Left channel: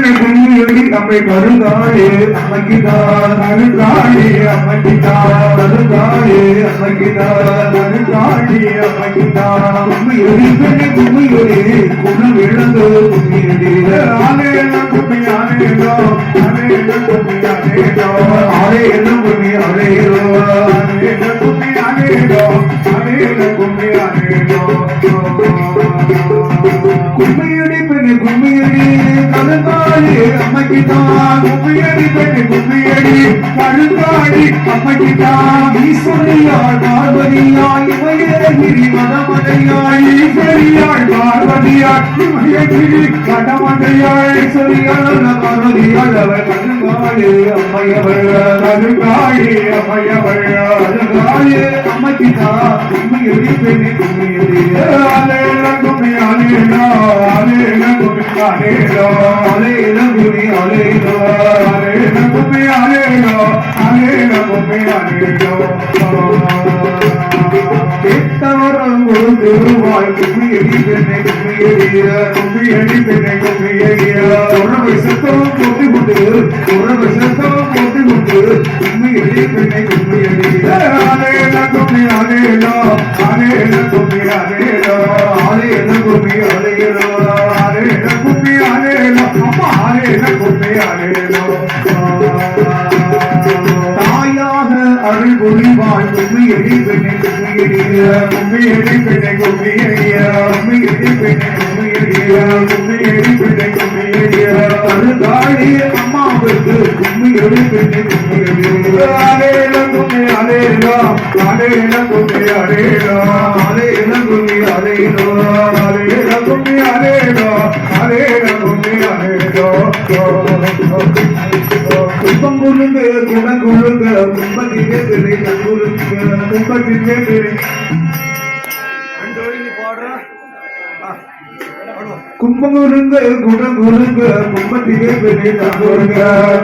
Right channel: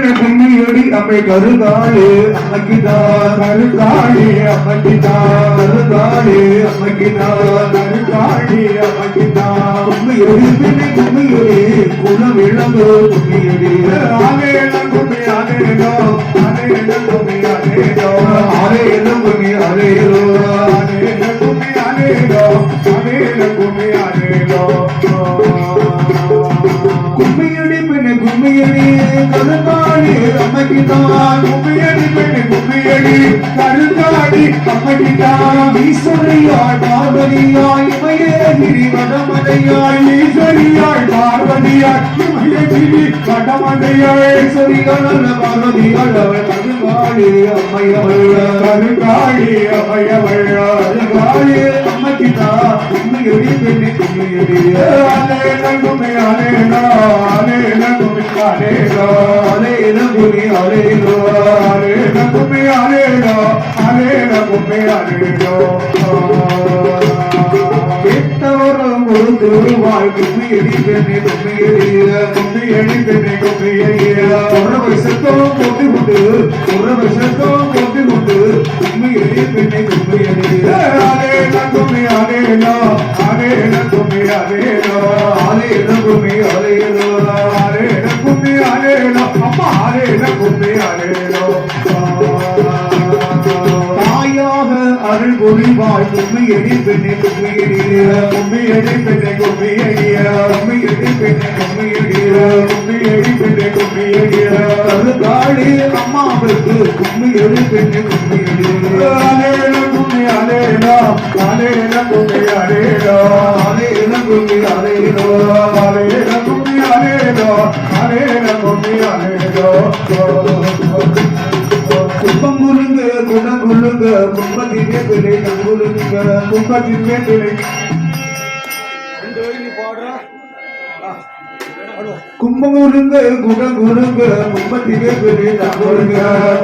பெண்ணை கும்மியடி அம்மை கருதாளே அம்மைக்குதா நடுக்காளே அம்மைக்குதா கருதாளே அம்மைக்குதா நடுக்காளே அம்மைக்குதா கும்மியடி பெண்ணை கும்மியடி குணம் இழந்து கும்மியடி ஆலேன கும்மி ஆலேனோ ஆலேன கும்மி ஆலேனோ ஆலேன கும்மி ஆலேனோ ஆலேன கும்மி ஆலேனோ ஆலேன கும்மி ஆலேனோ கும்மியடி பெண்ணை கும்மியடி கருதாளி அம்மைக்குதா கும்மியடி பெண்ணை கும்மியடி கருதாளி அம்மைக்குதா ஈஸ்வரியாய் பார்வதியாய் இமயகிரி வடமதையாய் ஈஸ்வரியாய் பார்வதியாய் இமயகிரி வடமதையாய் ஈஸ்வரியான பார்வதியாய் அவள் கருதாளி அம்மையவள் கருதாளி அம்மையவள் கருதாளி அம்மைக்குதா கும்மியடி பெண்ணை கும்மியடி ஆலேன கும்மி ஆலேனோ ஆலேன கும்மி ஆலேனோ ஆலேன கும்மி ஆலேனோ ஆலேன கும்மி ஆலேனோ ஆலேன கும்மி ஆலேனோ கேட்டவரம் ஒரு குருவாய் கும்மியடி பெண்ணை கும்மியடிய கும்மியடி பெண்ணை கும்மியடிய உறவை சத்தம் போட்டி கொண்டு உறவை சத்தம் போட்டி கொண்டு கும்மியடி பெண்ணை கும்மியடிய ஆலேன கும்மி ஆலேனோ ஆலேன கும்மி ஆலேனோ ஆலேன கும்மி ஆலேனோ ஆலேன கும்மி ஆலேனோ அம்மா ஆலேன கும்மி ஆலேனோ தாயாக அருள் பொழிவாய் கும்மியடி பெண்ணை கும்மியடிய கும்மியடி பெண்ணை கும்மியடிய கும்மியடி பெண்ணை கும்மியடிய கும்மியடி பெண்ணை கும்மியடிய கருதாளி அம்மாவுக்கு கும்மியடி பெண்ணை கும்மியடிய ஆலேன கும்மி ஆலேனோ ஆலேன கும்மி ஆலேனோ ஆலேன கும்மி ஆலேனோ ஆலேன கும்மி ஆலேனோ ஆலேன கும்மி ஆலேனோ கும்பம் குருங்க குணம் குருங்க கும்பத்திலே திரை குருங்க கும்பத்திலே திரை கும்பம் குருங்க குணம் குருங்க கும்பத்திலே திரை குருங்க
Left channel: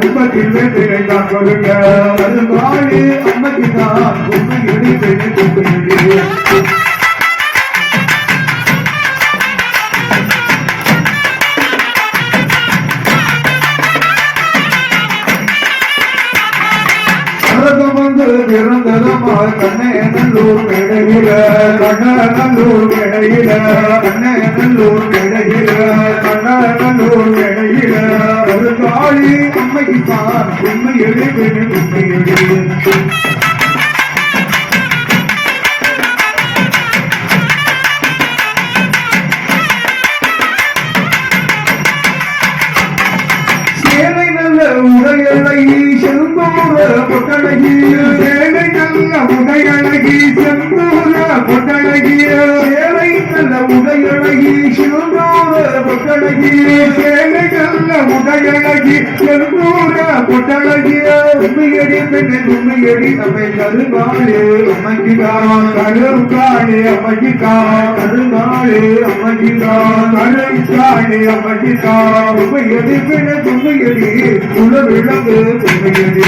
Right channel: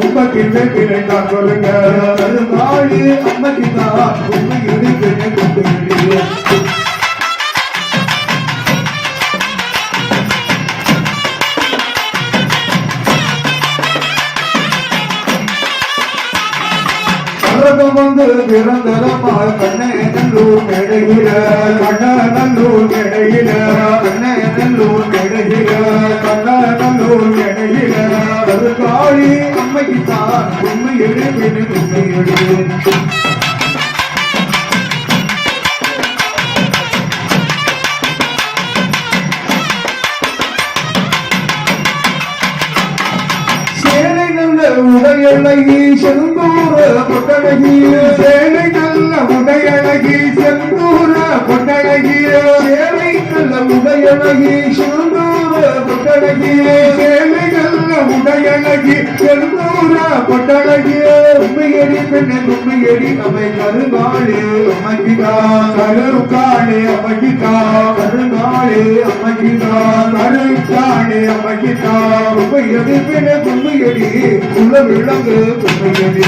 கும்பத்திலே திரை குருங்க அது வாழி அம்மகிதா கும்பத்திலே திரை குருங்க வந்து பிறந்ததமாய் கண்ணேநல்லூர் கிடையில கண்ணநல்லூர் கிடையில கண்ணேநல்லூர் கிடையில கண்ணநல்லூர் கிடையில கருதாளி அம்மைக்குத்தான் உண்மையடி பெண்ணு உண்மையடி உடையழகி செந்தூர பொட்டழகி சேலை நல்ல உடையழகி செந்தூர பொட்டழகி சேலை நல்ல உடையழகி செந்தூர பொட்டழகி சேலை நல்ல உடையழகி செந்தூர பொட்டழகி உண்மையடி பெண்ணை உண்மையடி அவை கருதாளி அம்மைக்குதா கருதாளி அம்மைக்குதா கருதாளி அம்மைக்குதா கருதாளி அம்மைக்குதா உண்மையடி பெண்ணை உண்மையடி விளங்கு உண்மையடி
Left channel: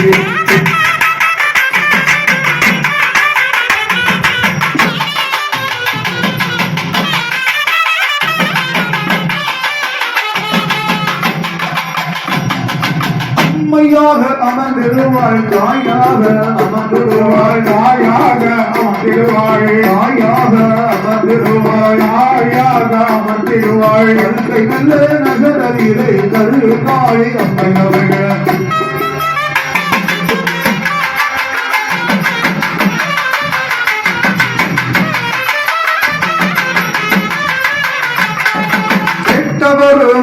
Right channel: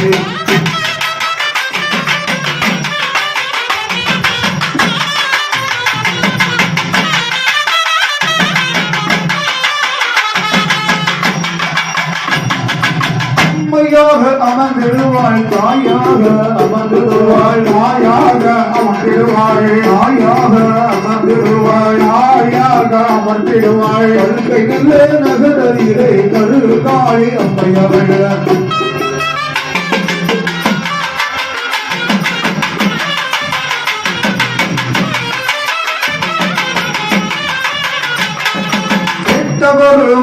உண்மையாக அமர்ந்திடுவாள் தாயாக அமர்ந்திடுவாள் தாயாக அமர்ந்திடுவாள் தாயாக அமர்ந்திடுவாள் தாயாக அமர்ந்திடுவாள் கருத்தை நல்ல நகரதிரை கருதாளி அம்மையவள்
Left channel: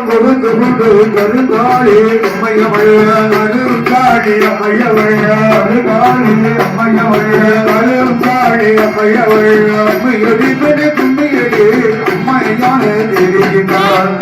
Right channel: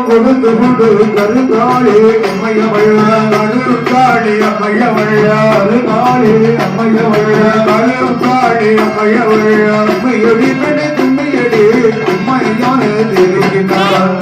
கொடுத்து கொண்டு கருதாளி அம்மையவள் கருதாளி அம்மையவள் கருதாளி அம்மையவள் கருதாளி அம்மையவள் அம்மையடி பெண்ணை தும்மையடி அம்மையான தெரிகின்றாள்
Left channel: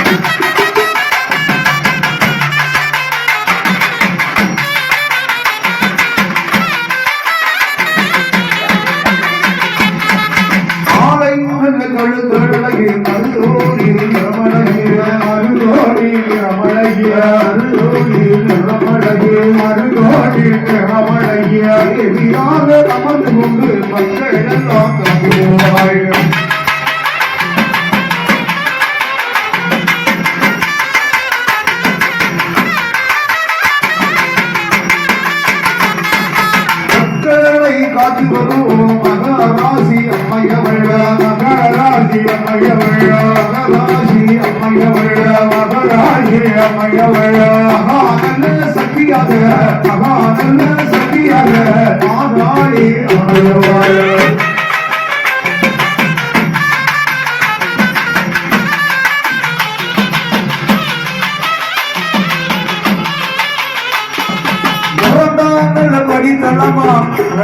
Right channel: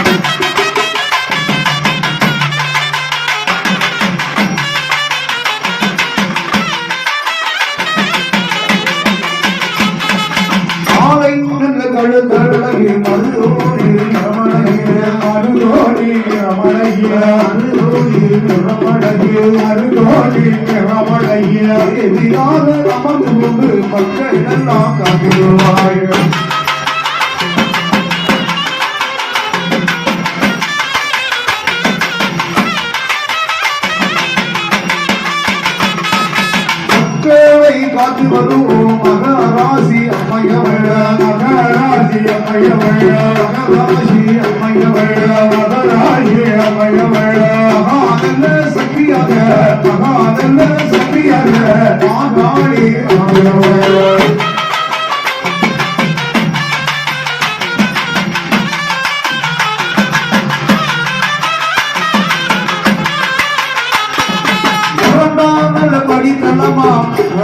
கழுதழகி மருதோடி ரமணகிய மருதோடி ரமணகிய மருதோடி ரமணகிய மருதோடி ரமணகிய தேவியாக அமர்ந்து கொண்டு மக்கள் எல்லாம் காட்டுவாய்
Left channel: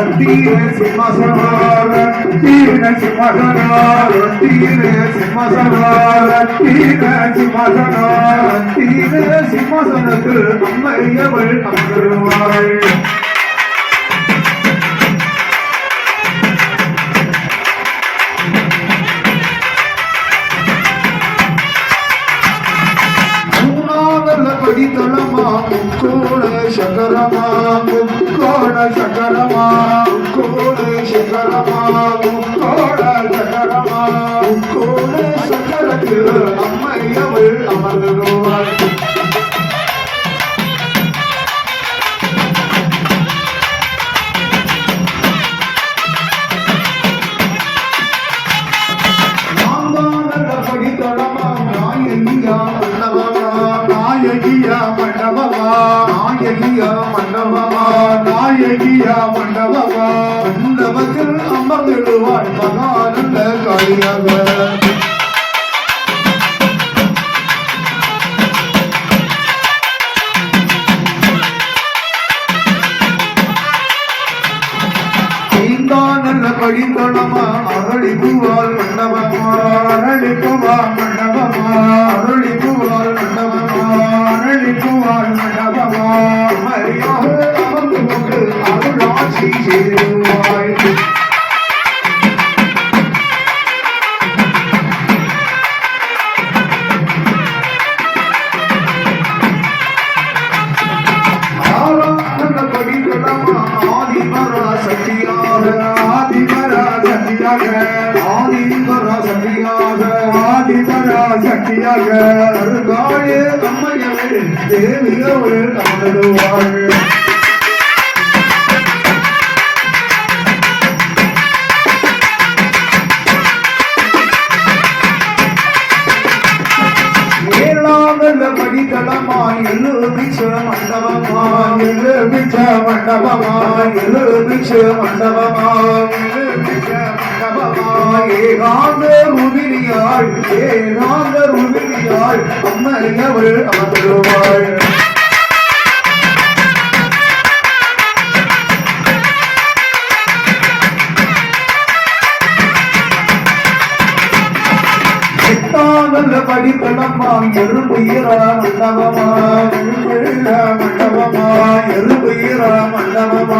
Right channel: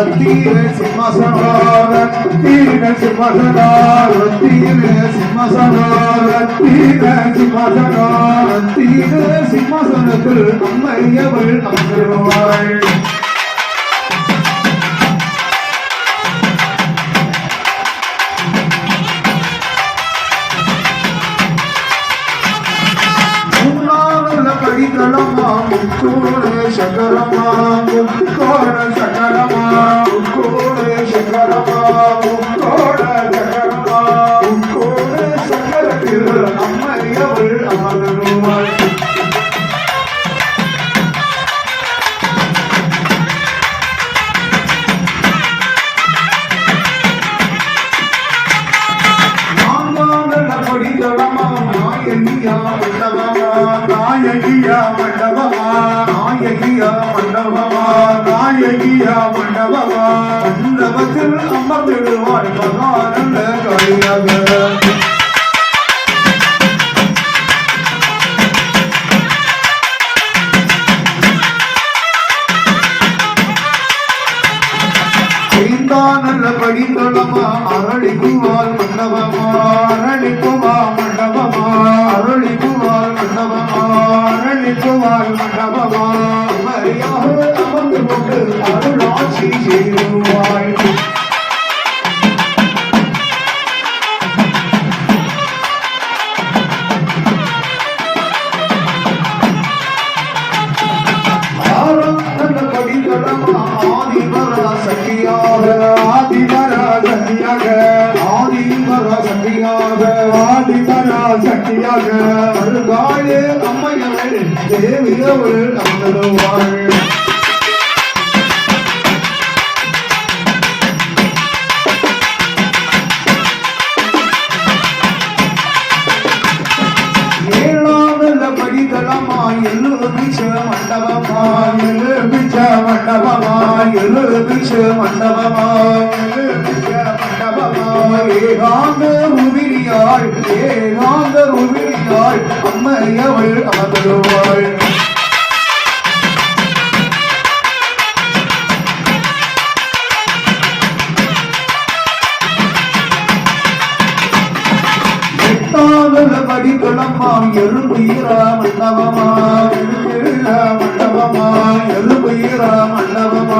ரத்தீன சிம்மசனா ரத்தீன சிம்மசனா ரத்தீன சிம்மசனா ரத்தீன சிம்மசனா ரத்தீன சிம்மசனத்தில் அம்மையவள் அமருவாள் படித்தளமா முக்கோட சகரமா முக்கோட சகரமா முக்கோட சகரமா முக்கோட சகரமா முக்கோட சகரத்தில் அம்மையவள் அமர்ந்தருவாள் படித்தளமா நாயகியா நாயகியா மண்டபமா நாயகியா மண்டபமா நாயகியா மண்டபமா மண்டபத்தில் அமர்ந்திடுவாள் மகானந்த காளியாக நல்ல படித்தளமா அரளிக்குவாள் மண்டபமா அரளிக்குவா மண்டபமா அரளிக்குவாள் மண்டபமா அரளிக்குவாள் மண்டபமா மரியாக அமர்ந்து கொண்டு அருளாட்சி செய்வாள் படித்தளமா ஆதிபர சக்தியாக ஆதிபர சக்தியாக ஆதிபர சக்தியாக ஆதிபர சக்தியாக வருகாயே அம்மையவள் தேவியவள் அமருவாள் படித்தளமா எல்லு பிச்ச மண்டபமா எல்லு பிச்ச மண்டபமா எல்லு பிச்ச மண்டபமா எல்லு பிச்ச மண்டபமா ஏகாந்த உவிரியாள் ஏகாந்த உவிரியாள் அம்மையவள் அமருவாள் படித்தளமா எருபுயிரா மண்டபமா எருபுயிரா மண்டபமா எருபுயிரா மண்டபமா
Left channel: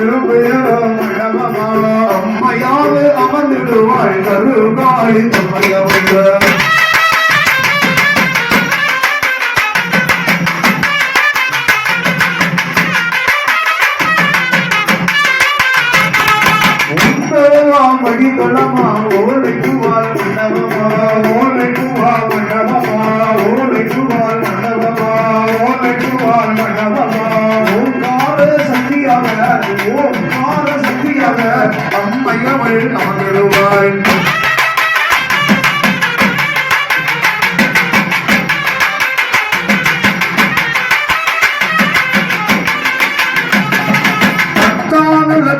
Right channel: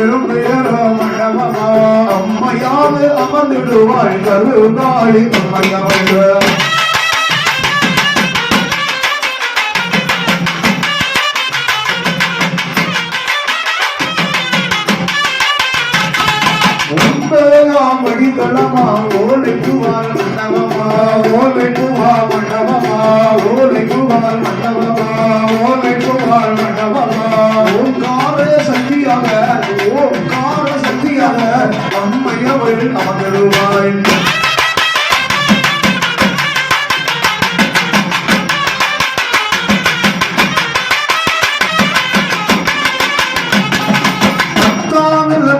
எருபுயிரா மண்டபமா அம்மையாக அமர்ந்திடுவாள் கருகாளி அம்மையவள் படித்தளமா ஓலைக்குவாள் மண்டபமா ஓலைக்குவா மண்டபமா ஓலைக்குவாள் மண்டபமா ஓலைக்குவாள் மண்டபமா ஓங்கார சக்தியாக ஓங்கார சக்தியாக அம்மையவள் அமருவாள்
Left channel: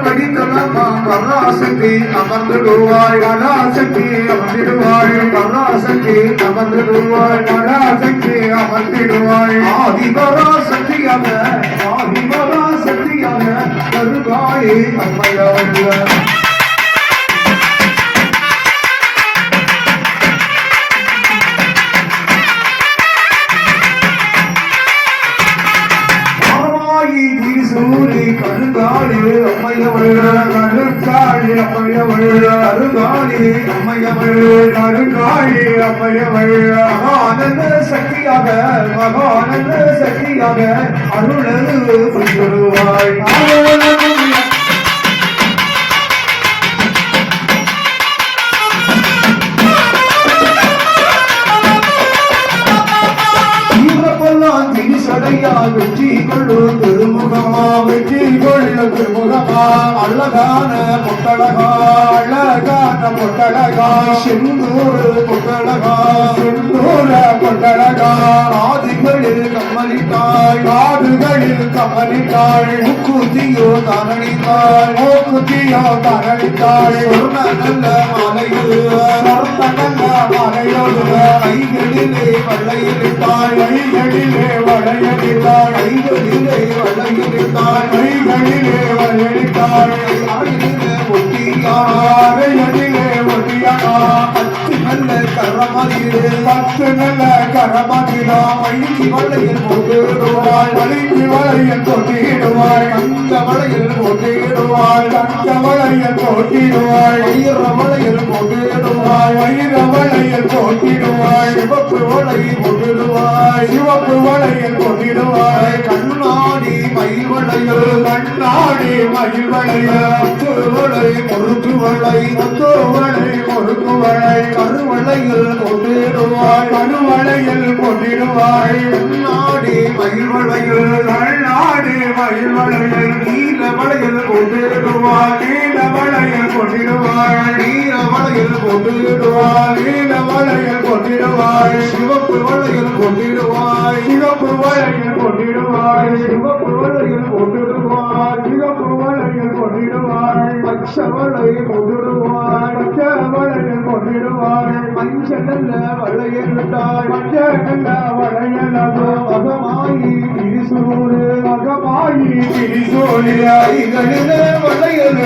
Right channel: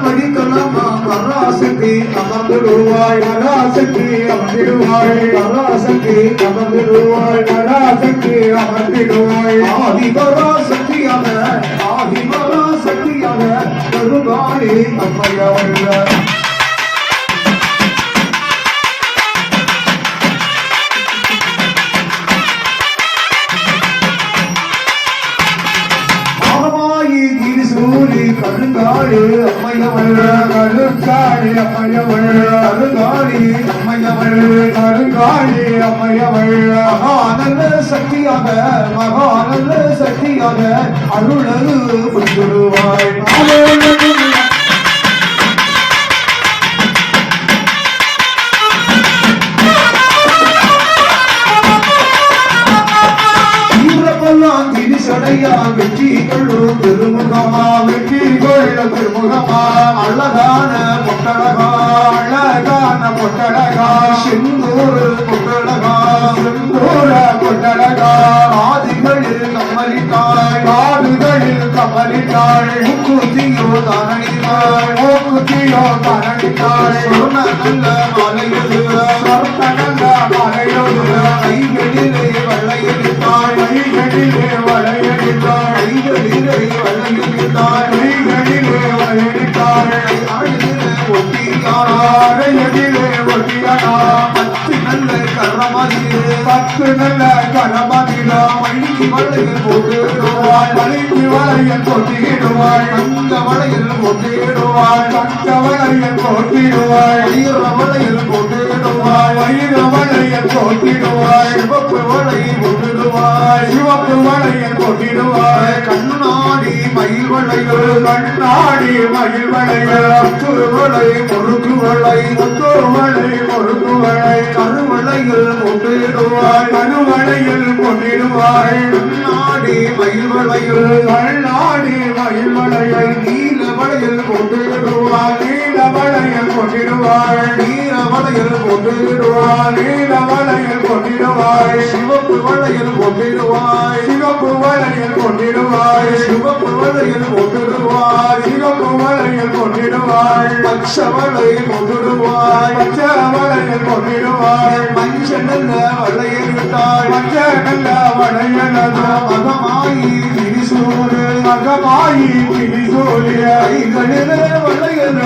படித்தளமா பராசக்தி அமர்ந்திடுவாள் பராசக்தி அமர்ந்திடுவாள் பராசக்தி அமர்ந்திடுவாள் பராசக்தி அமர்ந்திடுவாள் ஆதிபராசக்தியாக ஆதிபராசக்தியாக கருகாளி அம்மையவள் சூரி கருங்காளி அம்மையவள் கருங்காளி அம்மையவள் கருங்காளி அம்மையவள் கருங்காளி அம்மையவள் மகானந்த சக்தியாக மகானந்த சக்தியாக அருளது புரிவாள் சடையா வெற்றி கொள்ளும் திருமுகமா வெற்றி கொள்ளும் திருமுகமா அழகான பொட்டழகா அழகான பொட்டழகா செந்தூர் பொட்டழகா செந்தூர பொட்டழகா ஆதிகளில் கம்மலிட்டாய் காடுகளில் கம்மலிட்டாய் முக்குத்தியோ தானடித்தாய் மூக்குத்தியோ தானடித்தாய் சொன்ன நல்ல மலையில் நல்ல மலையில் கைகளிலே வளையிட்டாய் கைகளிலே வளையிட்டாய் கைகளிலே வளையிட்டாய் கைகளிலே வளையிட்டாய் நல்ல கரமதிலே 10 நல்ல கரமதிலா வழுங்கி வளையல் போட்டிடுவாள் வழுங்கி வளையல் போட்டிடுவாள் தங்க வளையல் போட்டிடுவாள் தங்க வளையல் போட்டிடுவாள் ஈர வளையல் போட்டிடுவாள் ஈர வளையல் போட்டிடுவாள் சிவப்பு வளை போட்டிடுவாள் சிவப்பு வளையல் போட்டிடுவாள் கண்ணாடி மயில் வளையல் கண்ணாடி மயில் வளையல் வளை முறுக்கு வளை முத்து வளை முறுக்கு வளை கருவளையில் போட்டிடுவாய் கருவளையில் போட்டிடுவாய் கண்ணாடி மயில் வளையில் கண்ணாடி மயில் வளையில் நீல வளையில் போட்டிடுவாய் நீல வளையில் போட்டிடுவாய் நீல வளையில் போட்டிடுவாய் நீல வளையில் போட்டிடுவாய் சிவப்பு வளையில் போட்டிடுவாய் சிவப்பு வளையில் போட்டிடுவாய் சிவப்பு வளையில் போட்டிடுவாய் சிவப்பு வளையில் போட்டிடுவாய் பச்சை வளையில் போட்டிடுவாய் பச்சை வளையில் போட்டிடுவாய் மஞ்சள் நல்ல வளையல் விட்டாய் மஞ்சள் நல்ல வளையல் மகமாயி திரிசூரு மகமாயி திரிசூரு ஐகளிலே வளையல்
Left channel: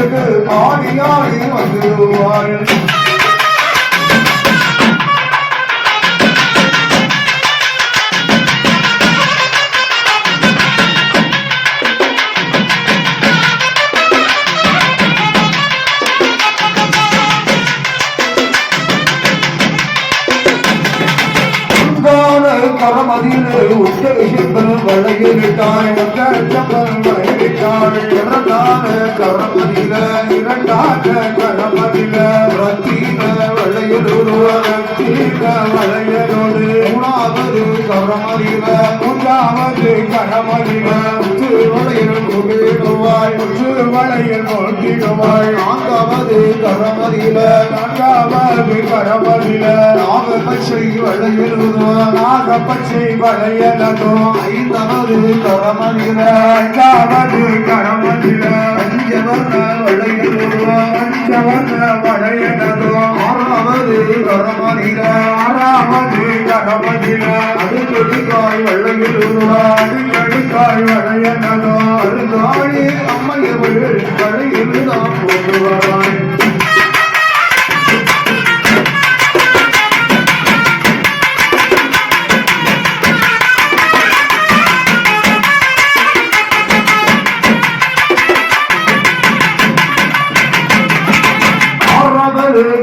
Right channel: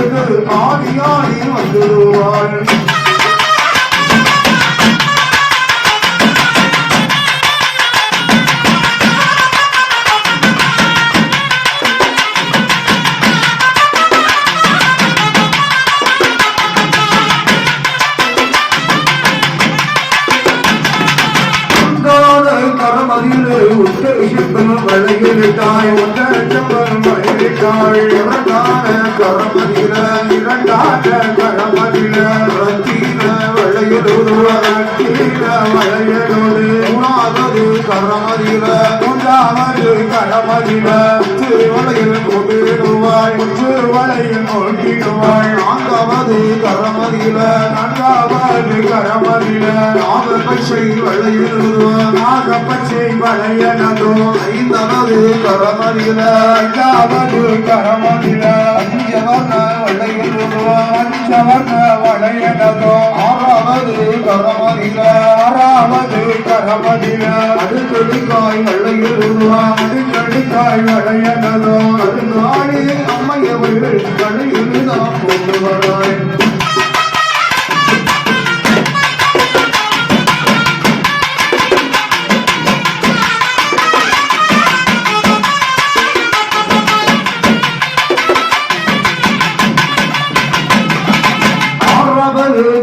ஆடியாடி வந்துடுவாள் கரமதிலே உத்தரசிப்பன் வளையிலிட்டாய் உத்தரச்சப்பன் வளையிலிட்டாய் இரண்டான கரமதில இரண்டான கரமதில ரத்தீன வளையலோடு ரத்தீன வளையலோடு மூணாவது கரமதில மூன்றாவது கரமதில உச்சு வளையல் போட்டிடுவாய் உச்சு வளையல் போட்டிடுவாய் நான்காவது கரமதில நான்காவது கரமதில நாகப்பச்சை வளையலுவாய் நாகப்பச்சை வளையலதோ ஐந்தாவது கரமதில ஐந்தாவது கரமதில அஞ்சவர்ண வளையலுவாய் அஞ்சவர்ண வளையலதோ ஆறாவது கரமதில ஆறாவது கரமதில அடுக்கடுக்காய் வளையலுவாய் அடுக்கடுக்காய் வளையலதோ அடுக்காடி அம்மையவள் வளையலுதான் கொண்டு வராய்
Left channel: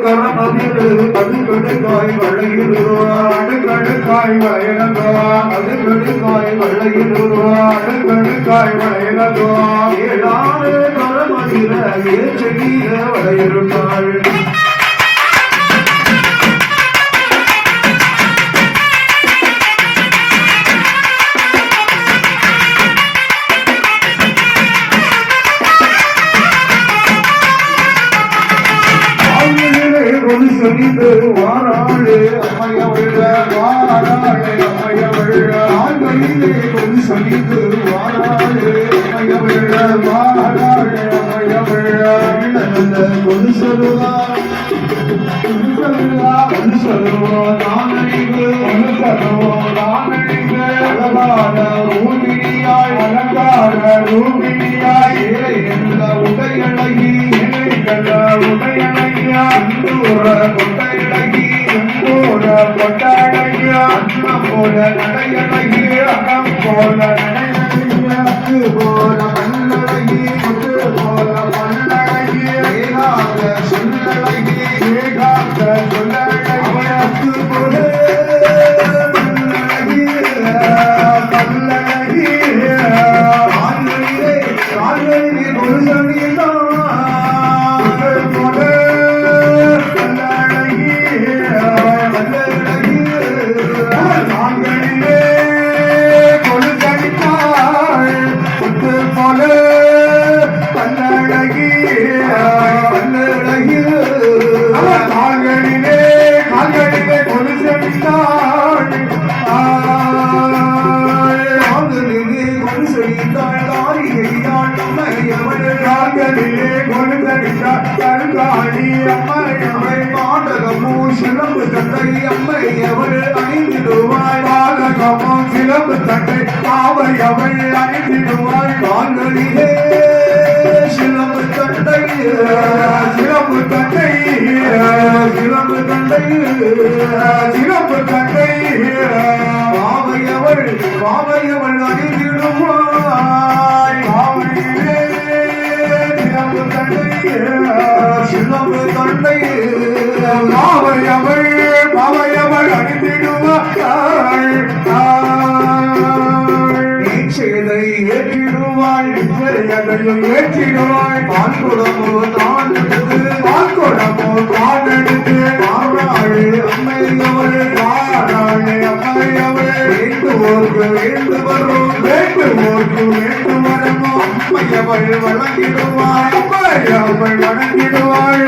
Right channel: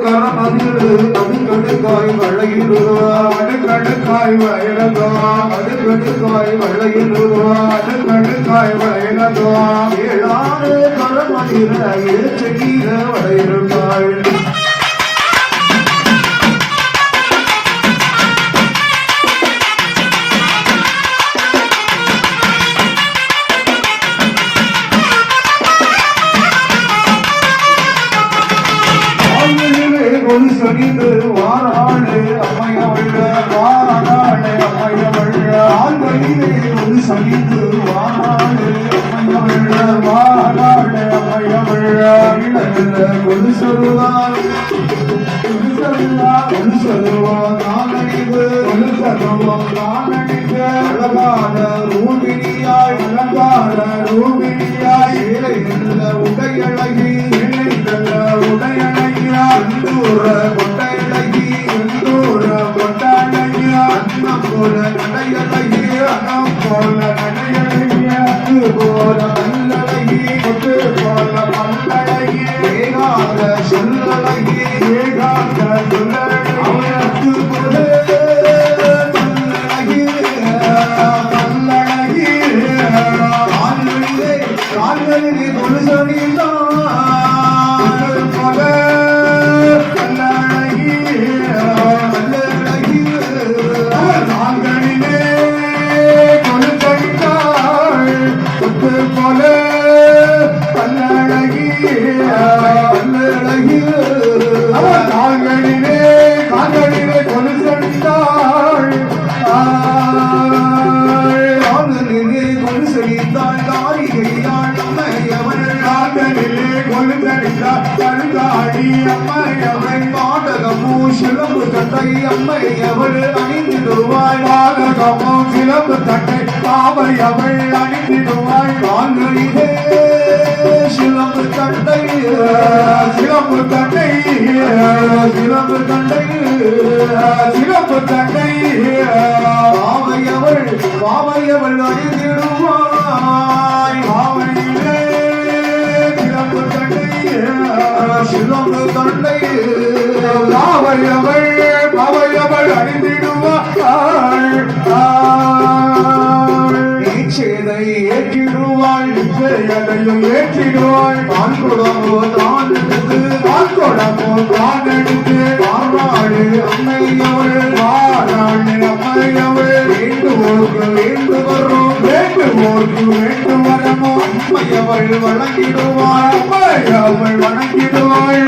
கரமதிலே அடுக்கடுக்காய் வளையலுவாய் அடுக்கடுக்காய் வளையலதோ அடுக்கடுக்காய் வளையலுவாய் அடுக்கடுக்காய் வளையலதோ ஏழாறு கரமதில ஏச்செடியில வளையலுவாய் சொல்லிட்டு வாராளே அம்மையவள் வாராளே அம்மையவள் ஆள்கையிலே சொல்லிட்டு வாராளே அம்மையவள் வாராளே அம்மையவள் கொண்டு சொல்லுவார் கொண்டு சொல்லுவோம் நானறிவு கொண்டு சொல்லுவோம் நானறிவு அழகான ரூபினியாய் அழகான ரூபினியாய் உடையழகி உடையழகியா கொட்டையழகி கொட்டையழகியா அன்னம் போல நடையழகி அன்னம் போல நடையழகியா போல மல்லழகி முத்து போல மல்லழகி ஏகாக சொல்லழகி ஏகாக சொல்லழகி அவனுக்கு போல மல்லழகி மல்லழகி ஆண்களிலே ஆண்களிலே ஒரு சொல்லிதான் கண்ணழகி சிலம்பு தண்டை அம்மை அவள் அணிந்திடுவாள் பாலகமும் சிலம்பு தண்டை பாவை அவள் அணிந்திடுவாள் நாங்களிலே சிலம்பு தண்டை சிலம்பு தண்டை சிலம்பு தண்டை சிலம்பு தண்டை பாவையவள் பாவையவள் அணிந்திடுவாள் பாவையிலே சிலம்பு தண்டை சிலம்பு தண்டை பாவையவள் பாவையவள் அணிந்திடுவாள் நீச்சதை ஏற்றிடுவாள் நிச்சயதையும் ஏற்றிடுவாள் பால்குடமோ தான் எடுத்து பால்குடமோ தான் எடுத்து வாராளே அம்மையவள் வாராளே அம்மையவள் வேண்டுவோர்க்கு வேண்டு வரும் வேண்டுவோர்க்கு வேண்டு வரமோ அம்மையவள் வழங்கிடுவாள் அம்மையவள் வணங்கிடுவாள்